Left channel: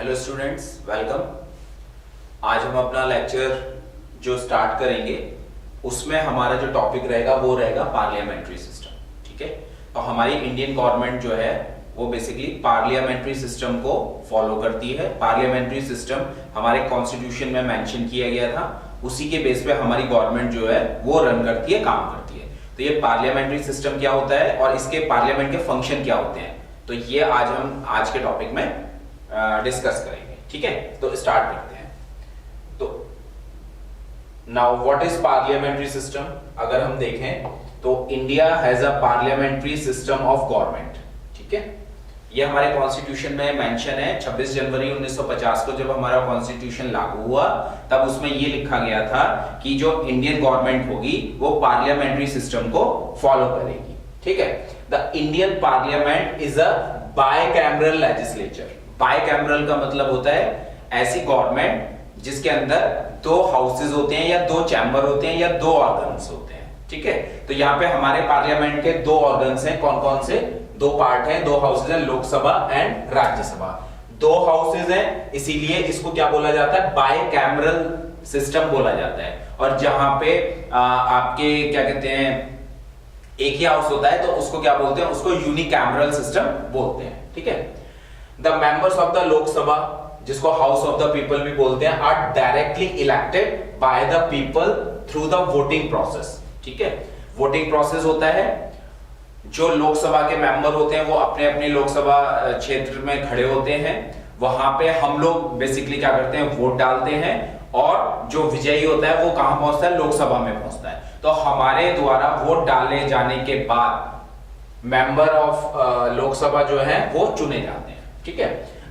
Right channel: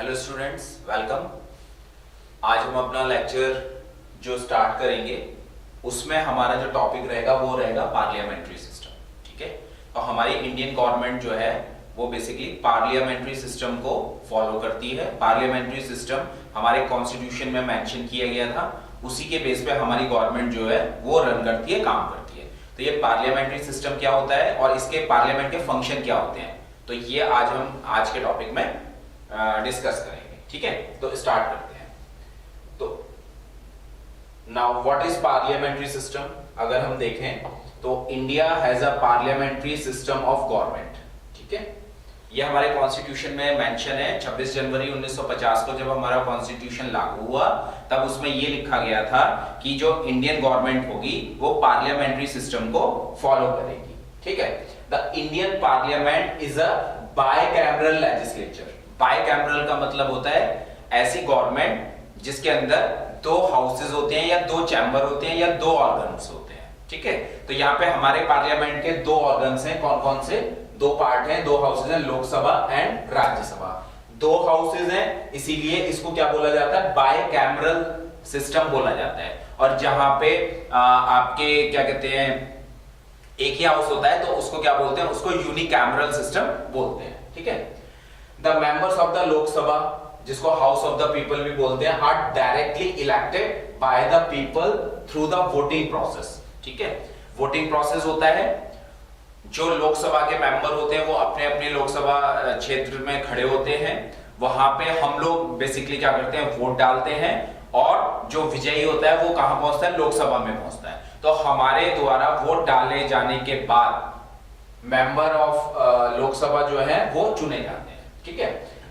Hello students, welcome. आज हम अपना लेक्चर जो स्टार्ट करेंगे उसमें हमारा जो टॉपिक रहेगा वो रहेगा पार्लियामेंट्री सिस्टम। ठीक है, तो हमारी इंडियन गवर्नमेंट जो है वो बेसिकली पार्लियामेंट्री सिस्टम को फॉलो करती है। पार्लियामेंट्री सिस्टम हमारे कॉन्स्टिट्यूशन में मेंशन किया गया था, उसी के बेस पे हमारी गवर्नमेंट जो है वो रन करती है, काम करती है। तो ये पार्लियामेंट्री सिस्टम क्या होता है और इसके पार्लियामेंट के फंक्शन क्या होते हैं, तो ये आज हम आज के टॉपिक में डिस्कस करेंगे। ठीक है, तो स्टार्ट करते हैं। तो now what is parliamentary system? अगर हम देखें तो India has a parliamentary system of government. ठीक है, ये हमारे कॉन्स्टिट्यूशन में मेंशन है। 26 जनवरी 1950 को जब हमारा कॉन्स्टिट्यूशन लागू हुआ तब उसमें ये लिखा गया था कि जो इंडियन गवर्नमेंट होगी वो पार्लियामेंट्री सिस्टम को फॉलो करेगी। ठीक है, the Indian parliament is a bicameral legislature. Bicameral का मतलब होता है ऐसी गवर्नमेंट जिसके अंदर दो हाउसेज होते हैं या दो चैम्बर होते हैं या दो ऑर्गन्स होते हैं। ठीक है, तो यहाँ पे हमारे पार्लियामेंट के दो ऑर्गन्स हैं। कौन कौन से? दो पार्ट हैं, दो हाउसेज हैं, लोकसभा एंड राज्यसभा। दो हाउसेज हैं, इसीलिए इसको क्या बोला जाता है? बाइकैमरल सिस्टम बोला जाता है। और जहां पे आपके क्या कहते हैं, एक ही हाउस होता है तो उसको क्या बोलते हैं? उसको यूनिकैमरल सिस्टम बोलते हैं। ठीक है, the members of the Lok Sabha, जिसको हाउस ऑफ द पीपल भी बोलते हैं, are directly elected by the people through the voting process. ठीक है, वोटिंग प्रोसेस होता है। जो लोकसभा के मेंबर होते हैं वो अपने अपने लोकसभा क्षेत्र में खड़े होते हैं। वहां पे हम लोग बेसिकली क्या करते हैं? वोट डालते हैं और जो विजयी होता है वो कहां पहुंचता है? लोकसभा में पहुंचता है। तो हमारे द्वारा वोट डाले जाने के बाद मेंबर ऑफ लोकसभा जो है वो चुने जाते हैं। ठीक है,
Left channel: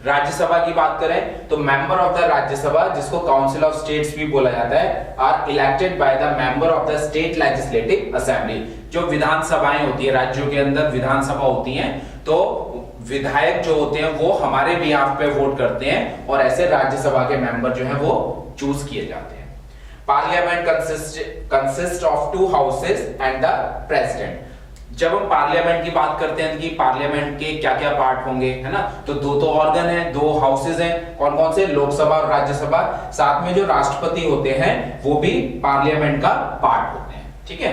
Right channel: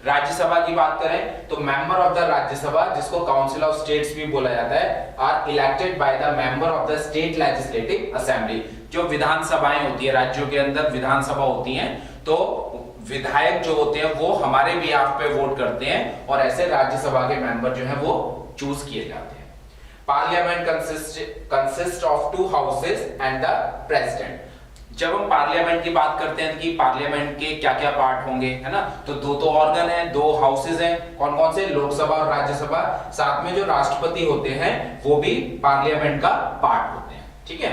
राज्यसभा की बात करें तो मेंबर ऑफ द राज्यसभा, जिसको काउंसिल ऑफ स्टेट्स भी बोला जाता है, are elected by the member of the state legislative assembly. जो विधानसभाएं होती है, राज्यों के अंदर विधानसभा होती हैं, तो विधायक जो होते हैं वो हमारे बिहाफ पे वोट करते हैं और ऐसे राज्यसभा के मेंबर जो है वो चूज किए जाते हैं। Parliament consist of to houses and the president. जब हम पार्लियामेंट की बात करते हैं कि पार्लियामेंट के क्या क्या पार्ट होंगे, है ना, तो दो तो ऑर्गन है, दो हाउसेज हैं। कौन कौन से? लोकसभा और राज्यसभा। साथ में जो राष्ट्रपति होते हैं वो भी पार्लियामेंट का पार्ट होते हैं। ठीक है,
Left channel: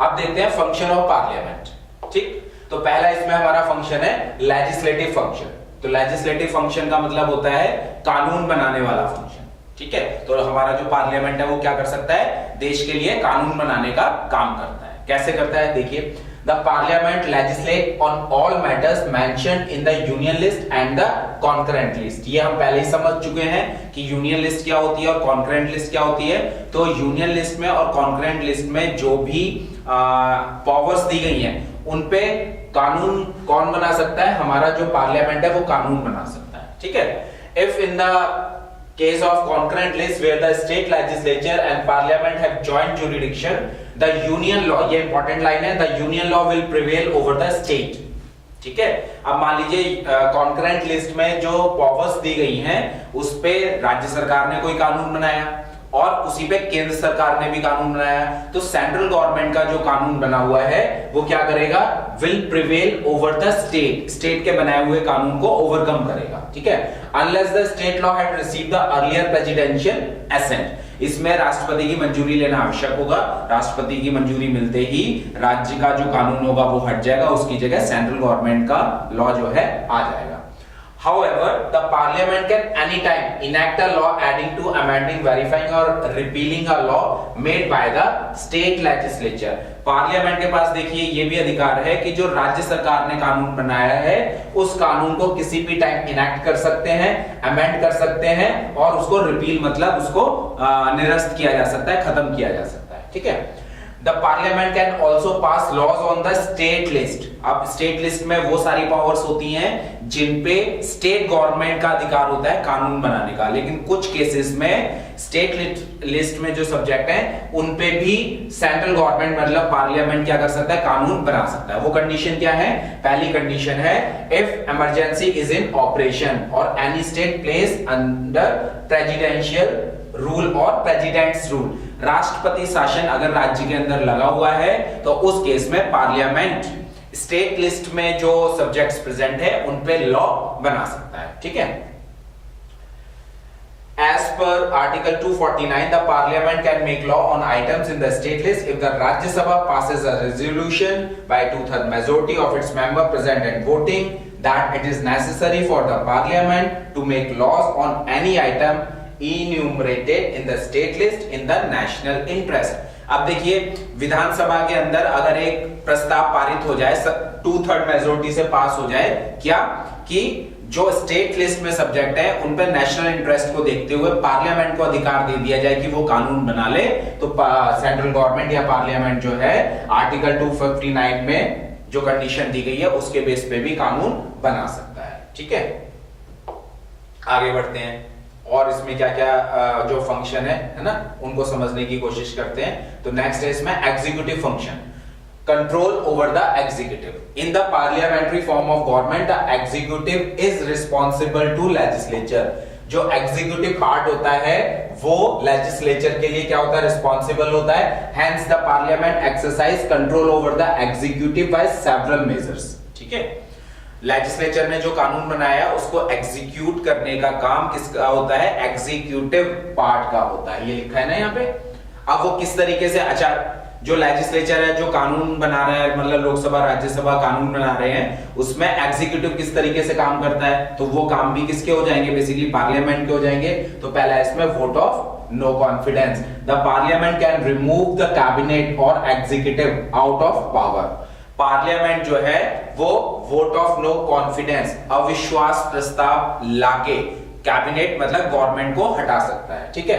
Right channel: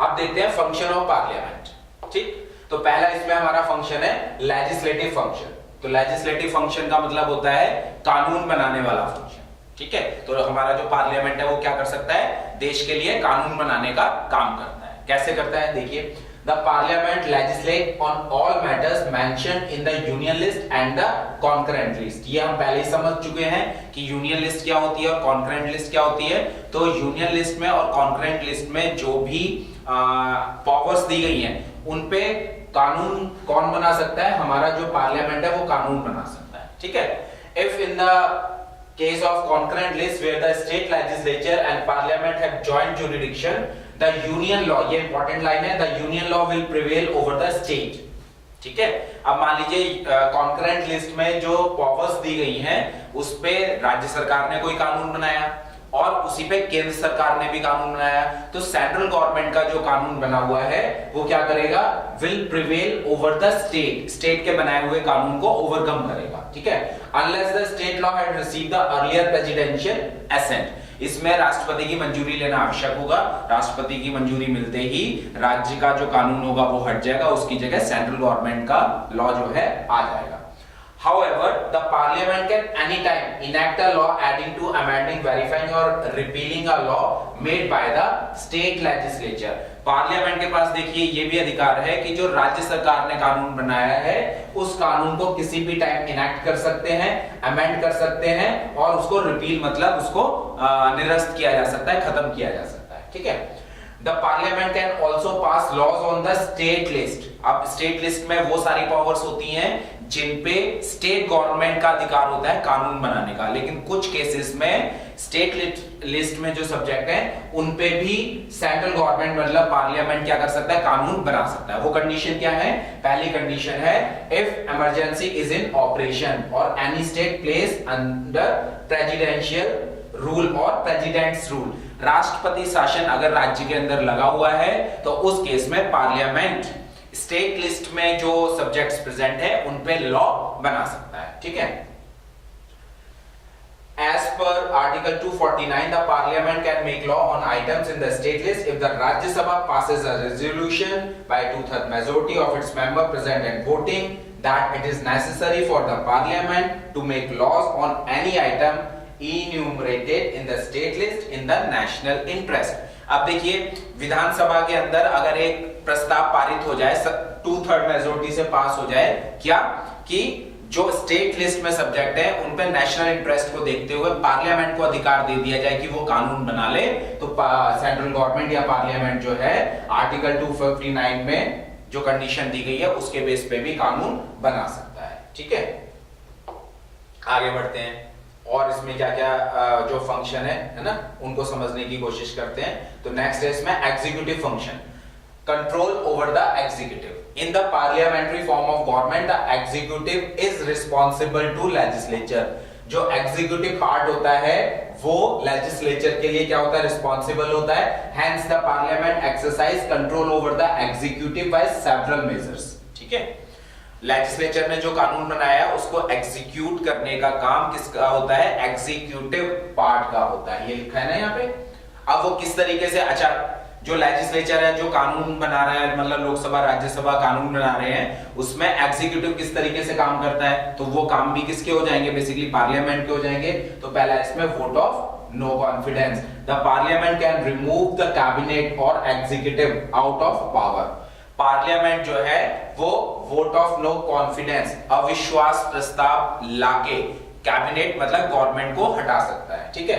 अब देखते हैं फंक्शन ऑफ पार्लियामेंट। ठीक, तो पहला इसमें हमारा फंक्शन है लेजिस्लेटिव फंक्शन। तो लेजिस्लेटिव फंक्शन का मतलब होता है कानून बनाने वाला फंक्शन। ठीक है, तो हमारा जो पार्लियामेंट है वो क्या कर सकता है? देश के लिए कानून बनाने का काम करता है। कैसे करता है? देखिए, the parliament legislate on all matters mentioned in the union list and the concurrent list. ये हम पहले ही समझ चुके हैं कि यूनियन लिस्ट क्या होती है और कॉन्करेंट लिस्ट क्या होती है। तो यूनियन लिस्ट में और कॉन्करेंट लिस्ट में जो भी पावर्स दी गई हैं उन पे कानून कौन बना सकता है? हमारा जो पार्लियामेंट है वो कानून बना सकता है। ठीक है, if in the case of concurrent list where the state legislature and parliament have joint jurisdiction, the union law, ये important line है, the union law will prevail over the state। ठीक है, अब मान लीजिए concurrent list में जो powers दी गई हैं उस पे राज्य सरकार ने कोई कानून बनाया और उसी पे केंद्र सरकार ने भी कानून बनाया, तो सेंट्रल गवर्नमेंट का जो कानून बना हुआ है वो क्या करेगा? Will prevail over the state. State के बनाए हुए कानून को ओवरकम करेगा। ठीक है, unless the state law had received the earlier presidential assent. इसमें राष्ट्रपति की मंजूरी लेना आवश्यक होगा। राष्ट्रपति की मंजूरी मिलते ही राज्य का जो कानून होगा वो हट जाएगा, उसकी जगह सेंट्रल गवर्नमेंट का लॉ जो है आ जाएगा। However, the parliament can anytime enact a law adding to, amending, verifying or repealing a law made by the state legislature। Parliament के पास देखिए ये भी अधिकार है कि जो राज्य सरकार ने कानून बनाया है उस कानून को किसी भी टाइम इनेक्ट कर सकते हैं, अमेंड कर सकते हैं और उसको रिपील मतलब उसको निरस्त किया जा सकता है, खत्म किया जा सकता है। ठीक है, The parliament can also pass laws on the state list। अब स्टेट लिस्ट में वो सारी पावर्स होती हैं जिन पे स्टेट गवर्नमेंट का अधिकार होता है कानून बनाने का, लेकिन कुछ केसेस में स्टेट लिस्ट में जो सब्जेक्ट हैं उन पे भी सेंट्रल गवर्नमेंट मतलब पार्लियामेंट क्या कर सकता है? कानून बना सकता है। वो कंडीशन क्या है? पहली कंडीशन है if emergency is in operation और any state place under presidential rule और प्रेसिडेंट्स रूल। राष्ट्रपति शासन अगर राज्य के अंदर लगा हुआ है तो उस केस में पार्लियामेंट स्टेट लिस्ट में जो सब्जेक्ट्स प्रेजेंट है उन पे लॉ बना सकता है। ठीक है, As per Article 249, the Parliament can make law on items in the state list if the Rajya Sabha passes a resolution by 2/3 majority of its members present and voting that it is necessary for the Parliament to make laws on any item enumerated in the state list in the national interest. अब देखिए विधानसभा के अंदर अगर एक प्रस्ताव पारित हो जाए 2/3 मेजोरिटी से पास हो जाए, क्या कि जो स्टेट लिस्ट में सब्जेक्ट है उन पे नेशनल इंटरेस्ट को देखते हुए पार्लियामेंट को अधिकार दे दिया जाए कि वो कानून बना ले, तो सेंट्रल गवर्नमेंट या पार्लियामेंट जो है आर्टिकल 259 में जो कंडीशन दी गई है उसके बेस पे भी कानून बना सकता है। ठीक है, आगे बढ़ते हैं और इसमें क्या क्या जो फंक्शन है ना उनको समझने की कोशिश करते हैं। तो नेक्स्ट है इसमें executive function, control over the executive. In the parliamentary form of government the executive is responsible to legislature. जो एग्जीक्यूटिव पार्ट होता है वो लेजिस्लेचर के लिए क्या होता है, रिस्पॉन्सिबल होता है। Hence the parliament exercise control over the executive by several measures. ठीक है, लेजिस्लेचर ने जो कानून बनाया उसको एग्जीक्यूट करने का काम किसका होता है, एग्जीक्यूटिव पार्ट का होता है। ये लिखा है ना यहाँ पे। अब वो किस तरीके से, अच्छा जो लेजिस्लेचर है जो कानून बना रहा है, मतलब लोकसभा राज्यसभा कानून बना रहे हैं, उसमें एग्जीक्यूटिव किस तरीके से काम करता है, तो वो काम भी किसके हो जाएंगे, बेसिकली पार्लियामेंट के हो जाएंगे। तो पहला इसमें vote of no confidence, the parliament can remove the cabinet और executive out of power. Parliament जो है वो वोट ऑफ नो कॉन्फिडेंस, अविश्वास प्रस्ताव लाके कैबिनेट मतलब गवर्नमेंट को हटा सकता है। ठीक है,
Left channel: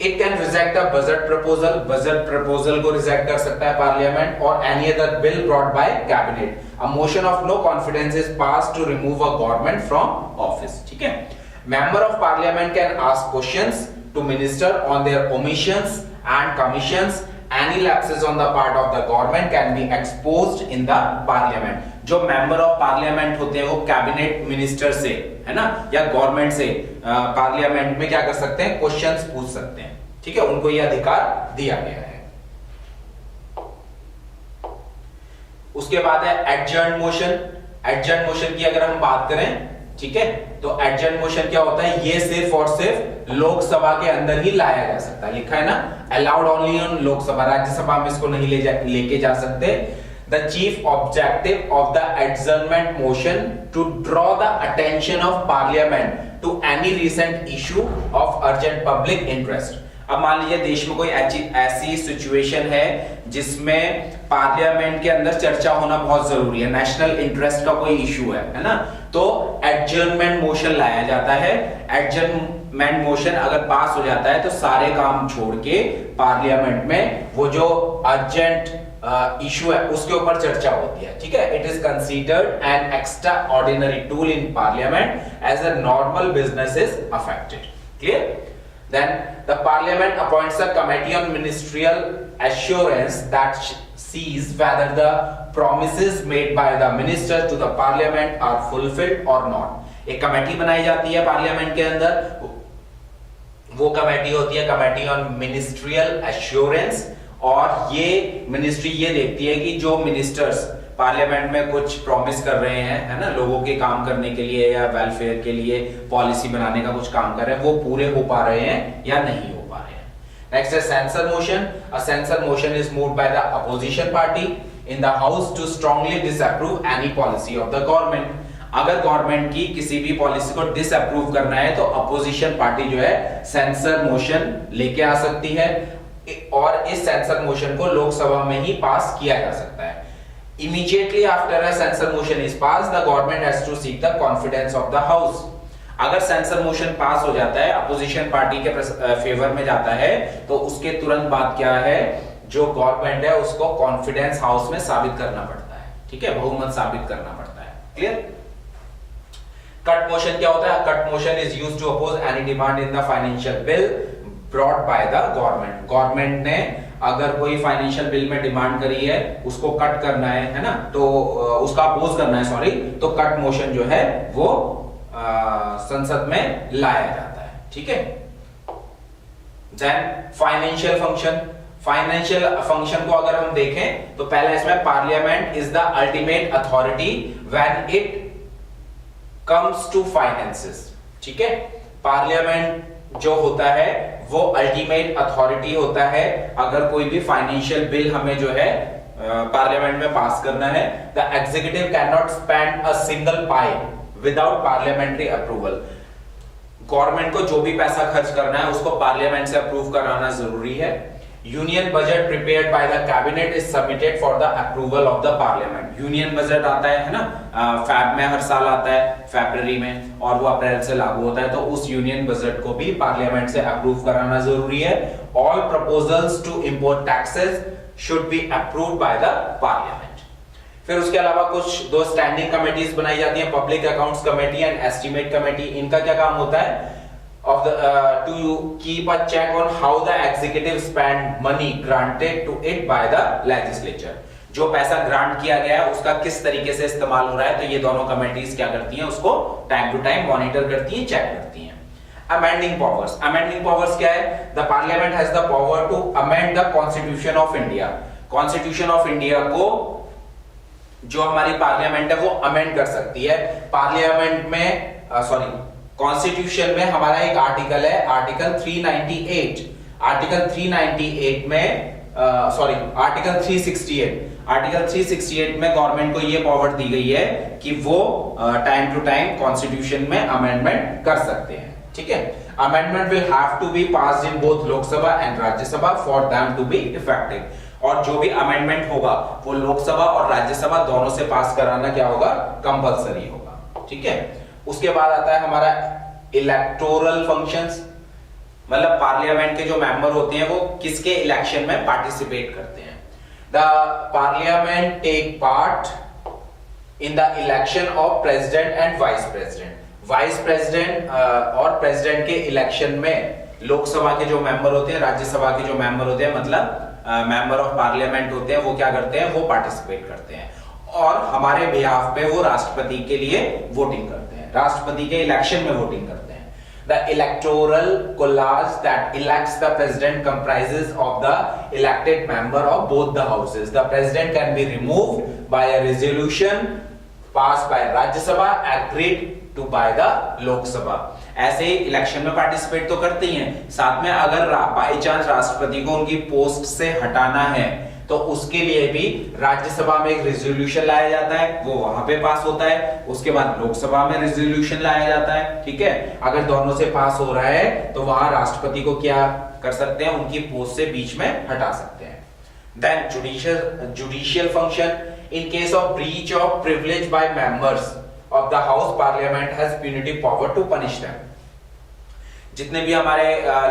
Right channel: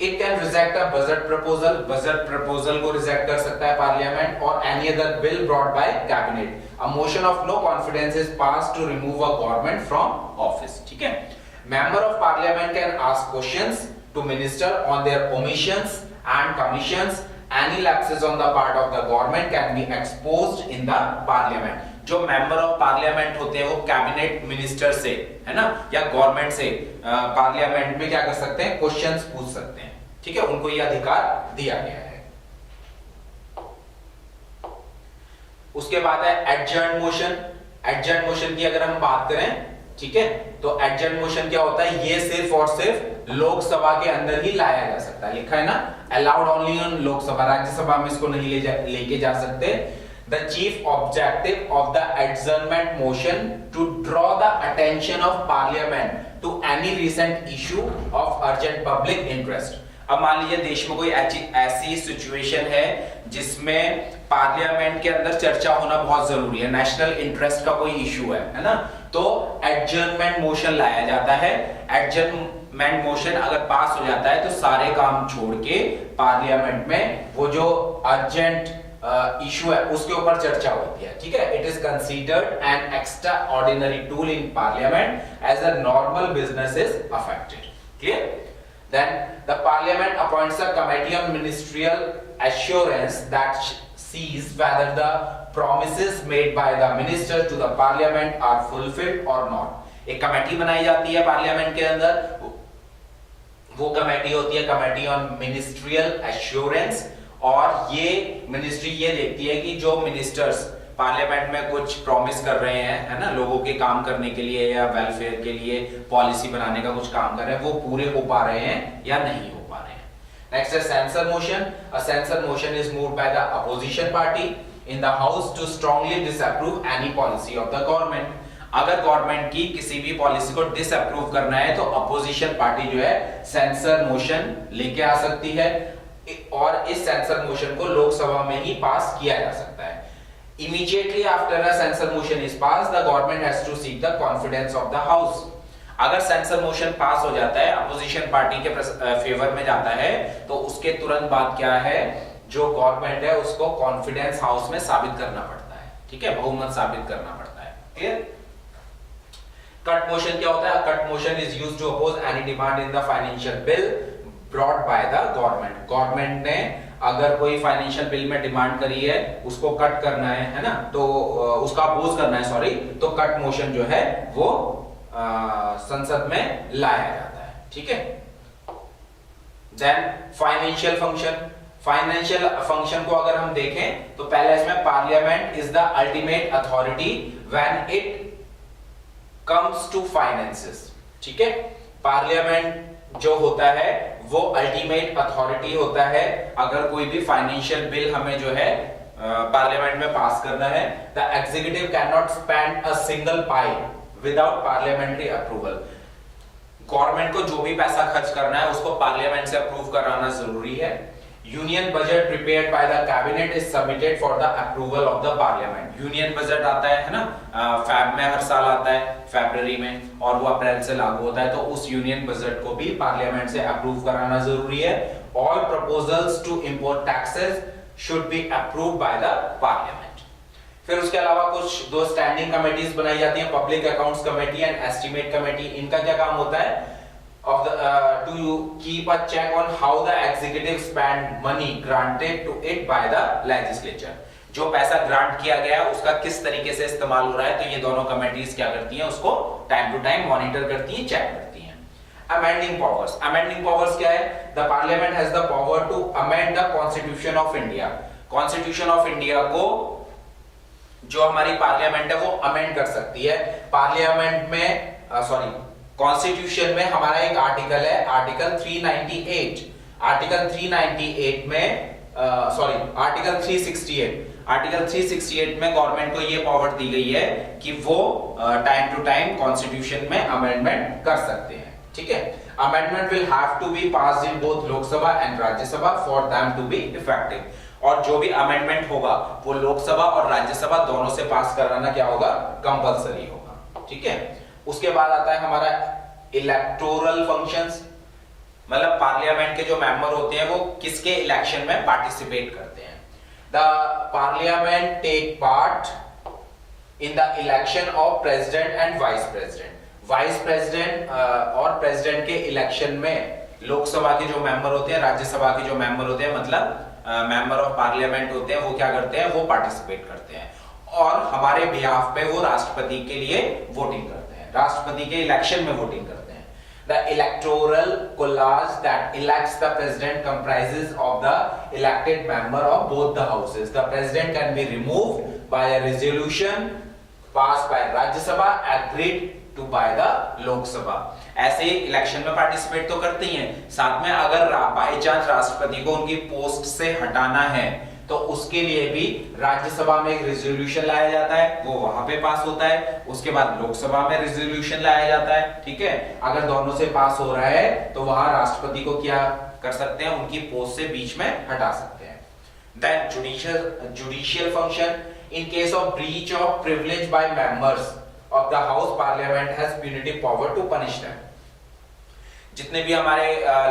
it can reject a budget proposal, budget proposal को रिजेक्ट कर सकता है पार्लियामेंट, और any other bill brought by cabinet. A motion of no confidence is passed to remove a government from office. ठीक है, member of parliament can ask questions to minister on their omissions and commissions. Any lapses on the part of the government can be exposed in the parliament. जो member of parliament होते हैं वो cabinet minister से, है ना, या government से parliament में क्या कर सकते हैं, क्वेश्चंस पूछ सकते हैं। ठीक है, उनको ये अधिकार दिया गया है। उसके बाद है एडजर्न मोशन। एडजर्न मोशन की अगर हम बात करें, ठीक है, तो एडजर्न मोशन क्या होता है, ये सिर्फ और सिर्फ लोकसभा के अंदर ही लाया जा सकता है। लिखा है ना, allowed only on Lok Sabha, Rajya Sabha में इसको नहीं लेके जा सकते। The chief objective of the adjournment motion to draw the attention of parliament to any recent issue of urgent public interest. अब मान लीजिए देश में कोई ऐसी सिचुएशन है जिसमें पार्लियामेंट के अंदर चर्चा होना बहुत जरूरी है, नेशनल इंटरेस्ट का कोई इशू है ना, तो एडजर्नमेंट मोशन लाया जाता है। एडजर्नमेंट मोशन अगर पास हो जाता है तो सारे काम छोड़ के पार्लियामेंट में वो जो अर्जेंट इशू है उसके ऊपर चर्चा होती है। ठीक है, it is considered an extraordinary tool in parliament as a normal business is affected. Clear? Then the parliament appoints a committee on ministerial assurance that sees whether the promises made by the minister to the parliament are fulfilled or not। एक committee बनाई जाती है parliament के अंदर, वो committee होती है committee on ministerial assurance, और ये मिनिस्ट्री ये देखती है कि जो मिनिस्टर्स पार्लियामेंट में कुछ प्रॉमिस कर रहे हैं, है ना, लोगों के काम करने के लिए या वेलफेयर के लिए पॉलिसी बनाने का कुछ काम कर रहे हैं, वो पूरे हो पा रहे हैं या नहीं हो पा रहे हैं। नेक्स्ट है censure motion. A censure motion is moved by the opposition party in the house to strongly disapprove any policy of the government. अगर गवर्नमेंट की किसी भी पॉलिसी को डिसअप्रूव करना है तो अपोजिशन पार्टी जो है सेंसर मोशन लेके आ सकती है, और इस सेंसर मोशन को लोकसभा में ही पास किया जा सकता है। Immediately after a censor motion is passed, the government has to seek the confidence of the house। अगर सेंसर मोशन पास हो जाता है, अपोजिशन पार्टी के फेवर में जाता है, तो उसके तुरंत बाद क्या है, जो गवर्नमेंट है उसको कॉन्फिडेंस हाउस में साबित करना पड़ता है। ठीक है, बहुमत साबित करना पड़ता है। क्लियर? कट मोशन क्या होता है? Cut motion is used to oppose any demand in the financial bill brought by the government. Government ने अगर कोई फाइनेंशियल बिल में डिमांड करी है, उसको कट करना है ना, तो उसका अपोज करना है, सॉरी, तो कट मोशन जो है वो संसद में लाया जाता है। ठीक है, then financial function. Financial function को अगर हम देखें तो पहला इसमें parliament is the ultimate authority when it comes to finances. ठीक है, पार्लियामेंट जो होता है वो अल्टीमेट अथॉरिटी होता है अगर कोई भी फाइनेंशियल बिल हमें जो है पार्लियामेंट में पास करना है। The executive can not spend a single pi without parliamentary approval. Government को जो भी पैसा खर्च करना है उसको पार्लियामेंट से अप्रूव कराना जरूरी है। Union budget prepared by the cabinet is submitted for the approval of the parliament. Union budget आता है ना, फैब में हर साल आता है, फरवरी में, और वो अप्रैल से लागू होता है। तो उस यूनियन बजट को भी पार्लियामेंट से अप्रूव कराना जरूरी है। All proposals to import taxes should be approved by the parliament. फिर उसके अलावा कुछ दो स्टैंडिंग कमेटीज बनाई जाती हैं, public accounts committee and estimate committee. इनका क्या काम होता है? of the to keep a check on how the executive spend money granted to it by the legislature। जो पैसा ग्रांट किया गया है उसका किस तरीके से इस्तेमाल हो रहा है, तो ये दोनों कमेटीज क्या करती हैं? उसको टाइम टू टाइम मॉनिटर करती हैं, चेक करती हैं। Amending powers. अमेंडिंग पावर्स क्या है? The parliament has the power to amend the constitution of India. Constitution of India को जो हमारी पार्लियामेंट है वो अमेंड कर सकती है। पार्लियामेंट में कॉन्स्टिट्यूशन में हमारा एक आर्टिकल है, आर्टिकल 398। आर्टिकल 398 में आर्टिकल 368 में गवर्नमेंट को ये पावर दी गई है कि वो टाइम टू टाइम कॉन्स्टिट्यूशन में अमेंडमेंट कर सकते हैं। ठीक है। Amendment will have to be passed in both Lok Sabha and Rajya Sabha for them to be effective. और जो भी अमेंडमेंट होगा वो लोकसभा और राज्यसभा दोनों से पास कराना क्या होगा? कंपलसरी होगा। ठीक है। उसके बाद आता है हमारा इलेक्टोरल फंक्शंस, मतलब पार्लियामेंट के जो मेंबर होते हैं वो किसके इलेक्शन में पार्टिसिपेट करते हैं। The parliament take part in the election of president and vice president. Vice president और प्रेसिडेंट के इलेक्शन में लोकसभा के जो मेंबर होते हैं, राज्यसभा के जो मेंबर होते हैं, मतलब मेंबर ऑफ पार्लियामेंट होते हैं, वो क्या करते हैं? वो पार्टिसिपेट करते हैं और हमारे बिहाफ पे वो राष्ट्रपति के लिए वोटिंग करते हैं, राष्ट्रपति के इलेक्शन में वोटिंग करते हैं। The electoral college that elects the president comprises of the elected member of both the houses. The president can be removed by a resolution passed by Rajya Sabha, agreed to by the Lok Sabha। ऐसे election में participate तो करते ही हैं, साथ में अगर by chance राष्ट्रपति को उनकी पोस्ट से हटाना है तो उसके लिए भी राज्यसभा में एक रेजोल्यूशन लाया जाता है, वो वहां पे पास होता है। उसके बाद लोकसभा में रेजोल्यूशन लाया जाता है। ठीक है। अगर दोनों से पास हो रहा है तो वहां राष्ट्रपति को क्या कर सकते हैं? उनकी पोस्ट से बीच में हटा सकते हैं। Then judicial function. In case of breach of privilege by members of the house, parliament has punitive power to punish them. जितने भी हमारे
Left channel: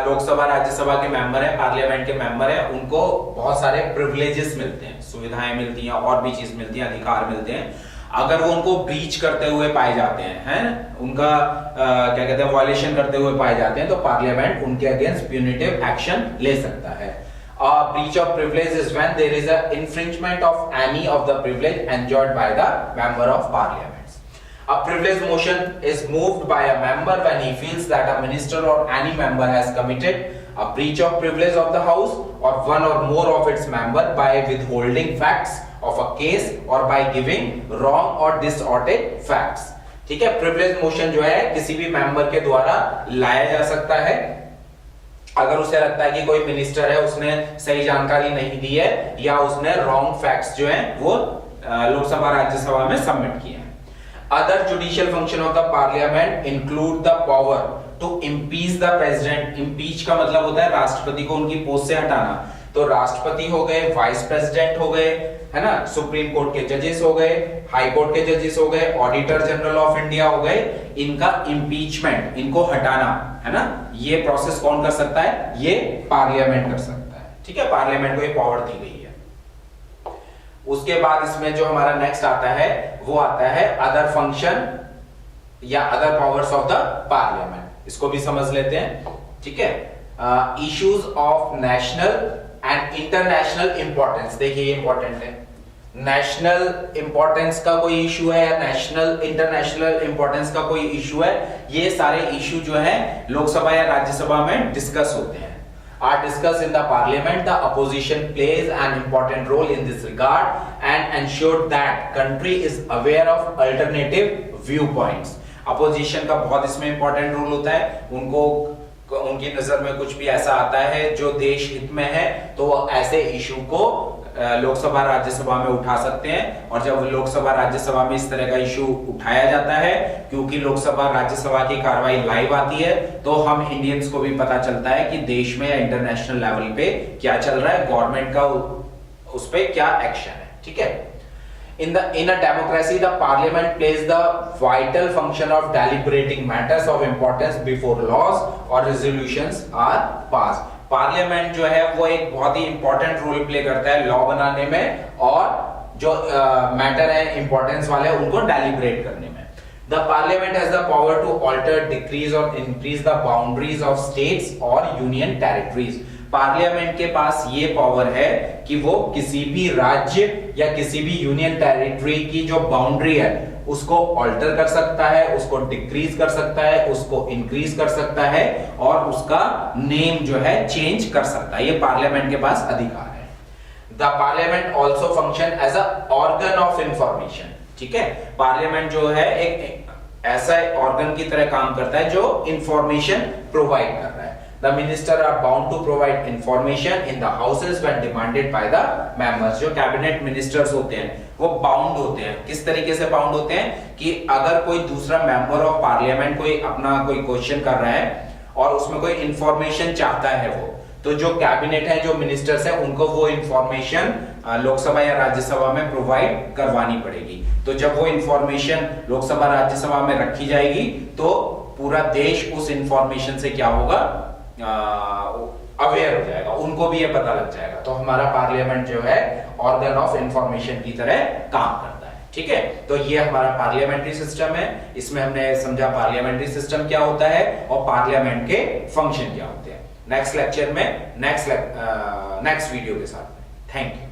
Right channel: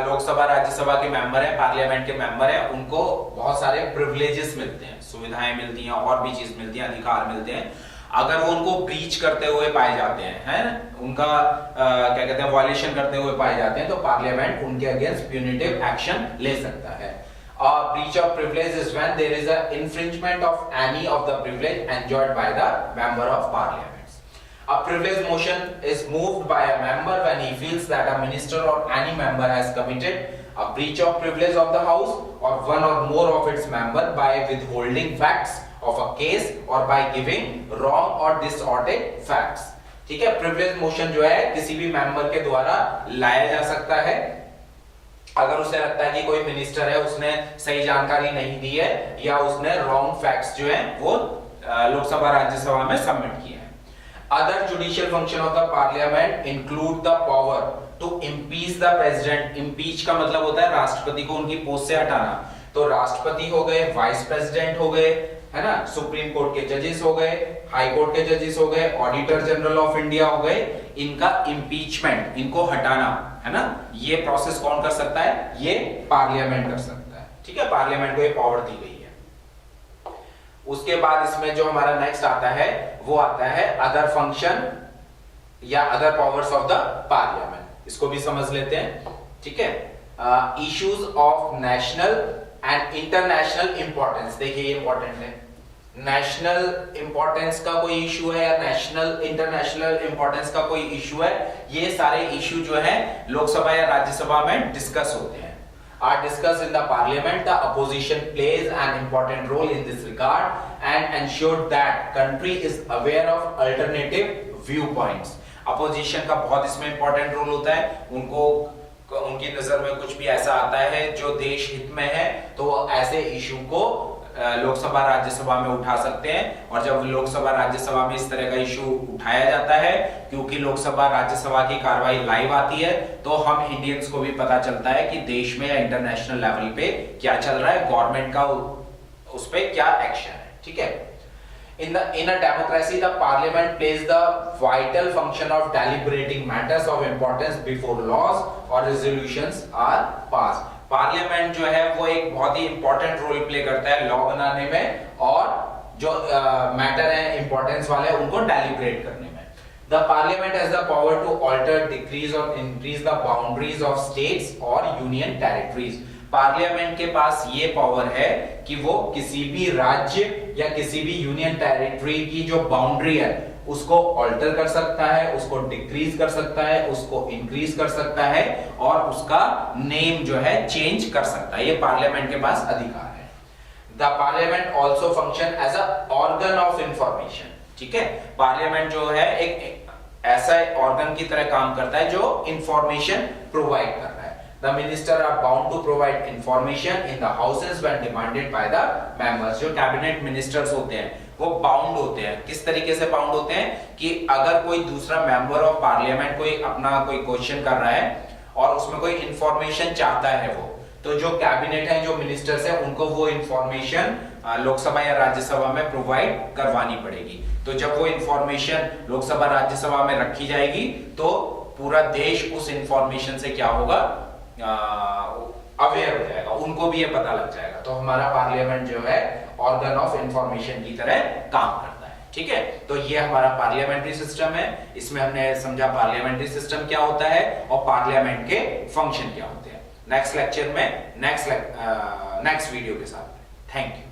लोकसभा राज्यसभा के मेंबर हैं, पार्लियामेंट के मेंबर हैं, उनको बहुत सारे प्रिविलेजेस मिलते हैं, सुविधाएं मिलती हैं, और भी चीज मिलती हैं, अधिकार मिलते हैं। अगर वो उनको ब्रीच करते हुए पाए जाते हैं, उनका क्या कहते हैं, वायलेशन करते हुए पाए जाते हैं, तो पार्लियामेंट उनके अगेंस्ट प्यूनिटिव एक्शन ले सकता है। Breach of privilege is when there is a infringement of any of the privilege enjoyed by the member of parliament. A privilege motion is moved by a member when he feels that a minister or any member has committed a breach of privilege of the house or one or more of its member by withholding facts of a case or by giving wrong or distorted facts। ठीक है। privilege motion जो है किसी भी member के द्वारा लाया जा सकता है अगर उसे लगता है कि कोई मिनिस्टर है उसने सही जानकारी नहीं दी है या उसने रॉन्ग फैक्ट्स जो है वो लोकसभा राज्यसभा में सबमिट किए हैं। Other judicial function of the parliament include the power to impeach the president। impeach का मतलब होता है राष्ट्रपति को उनकी पोस्ट से हटाना। तो राष्ट्रपति हो गए, वाइस प्रेसिडेंट हो गए, है ना, सुप्रीम कोर्ट के जजेस हो गए, हाई कोर्ट के जजेस हो गए, ऑडिटर जनरल ऑफ इंडिया हो गए, इनका इम्पीचमेंट, इनको हटाना, है ना, ये प्रोसेस कौन कर सकता है? ये पार्लियामेंट कर सकता है। ठीक है। पार्लियामेंट को ये पावर दी गई है। उसके बाद इसमें जो हमारा नेक्स्ट आता है वो आता है अदर फंक्शन या other powers of the parliament. इसको भी समझ लेते हैं। ठीक है। Issues of national and international importance. देखिए ये इंपॉर्टेंट है। नेशनल इंपॉर्टेंस का कोई इशू है या नेशनल इंटरनेशनल इंपॉर्टेंस का कोई इशू है, ये सारे इशू जो है लोकसभा या राज्यसभा में डिस्कस होते हैं, are discussed in the parliament. The opposition plays an important role in this regard and ensure that country is aware of alternative viewpoints। opposition का बहुत इसमें important role होता है, उनको उनकी नजर में कुछ भी ऐसा आता है जो देश हित में है, तो वो ऐसे इशू को लोकसभा राज्यसभा में उठा सकते हैं। और जब लोकसभा राज्यसभा में इस तरह का इशू उठाया जाता है, क्योंकि लोकसभा राज्यसभा की कार्रवाई लाइव आती है, तो हम इंडियंस को भी पता चलता है कि देश में या इंटरनेशनल लेवल पे क्या चल रहा है, गवर्नमेंट का उस पे क्या एक्शन है। ठीक है। In a democracy, the parliament plays the vital function of deliberating matters of importance before laws or resolutions are passed. Parliament जो है वो एक बहुत ही इंपॉर्टेंट रोल प्ले करता है लॉ बनाने में, और जो मैटर है इंपॉर्टेंस वाले उनको डेलिब्रेट करने में। The parliament has the power to alter, decrease or increase the boundaries of states or union territories. Parliament के पास ये पावर है कि वो किसी भी राज्य या किसी भी यूनियन टेरिटरी की जो बाउंड्री है उसको ऑल्टर कर सकता है, उसको डिक्रीज कर सकता है, उसको इंक्रीज कर सकता है, और उसका नेम जो है चेंज कर सकता है। ये पार्लियामेंट के पास अधिकार है। The parliament also function as a organ of information. ठीक है। पार्लियामेंट जो है एक ऐसा ऑर्गन की तरह काम करता है जो इंफॉर्मेशन प्रोवाइड कर रहा है। The minister are bound to provide information in the houses when demanded by the members. जो कैबिनेट मिनिस्टर्स होते हैं वो बाउंड होते हैं। किस तरीके से बाउंड होते हैं कि अगर कोई दूसरा मेंबर ऑफ पार्लियामेंट कोई अपना कोई क्वेश्चन कर रहा है और उसमें कोई इंफॉर्मेशन चाहता है वो, तो जो कैबिनेट है, जो मिनिस्टर्स है, उनको वो इंफॉर्मेशन लोकसभा या राज्यसभा में प्रोवाइड करवानी पड़ेगी। तो जब वो इंफॉर्मेशन लोकसभा राज्यसभा में रखी जाएगी तो पूरा देश उस इंफॉर्मेशन से क्या होगा, अवेयर हो जाएगा, उनको भी ये पता लग जाएगा। तो हमारा पार्लियामेंट जो है ऑर्गन ऑफ इंफॉर्मेशन की तरह काम करता है। ठीक है। तो ये हमारा पार्लियामेंट्री सिस्टम है। इसमें हमने समझा पार्लियामेंट्री सिस्टम क्या होता है और पार्लियामेंट के फंक्शन क्या होते हैं। नेक्स्ट लेक्चर में नेक्स्ट वीडियो के साथ में। Thank you.